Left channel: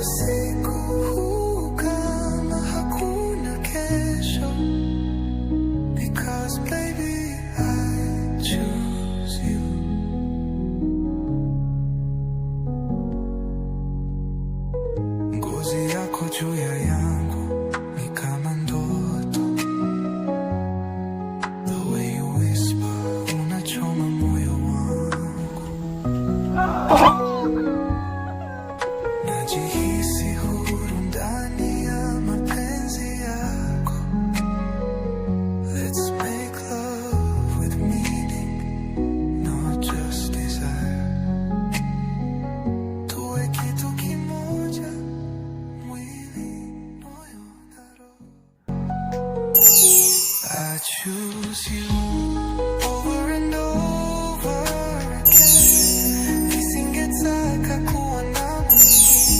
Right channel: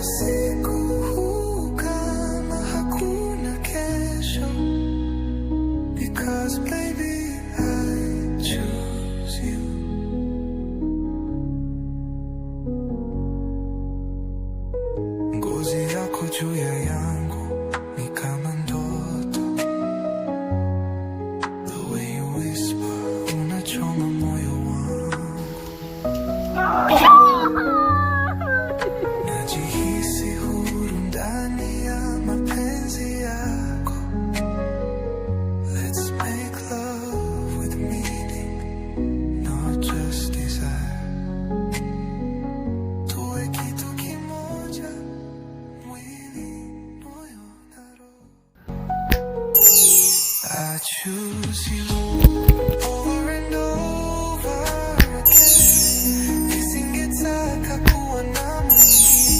usiku huu kama hakuna kesho, because baby I choose you. Ngozi yako juu ya yangu ni kama ndoto. The way you whisper, unachoma moyo wangu. Najihisi huru ndani ya mapenzi yako. Let's make love with meaning, not just desire. Tuwe kitu kimoja, mwili, moyo na roho. I choose you over and over again. Nisingetaka kuwa na mwingine.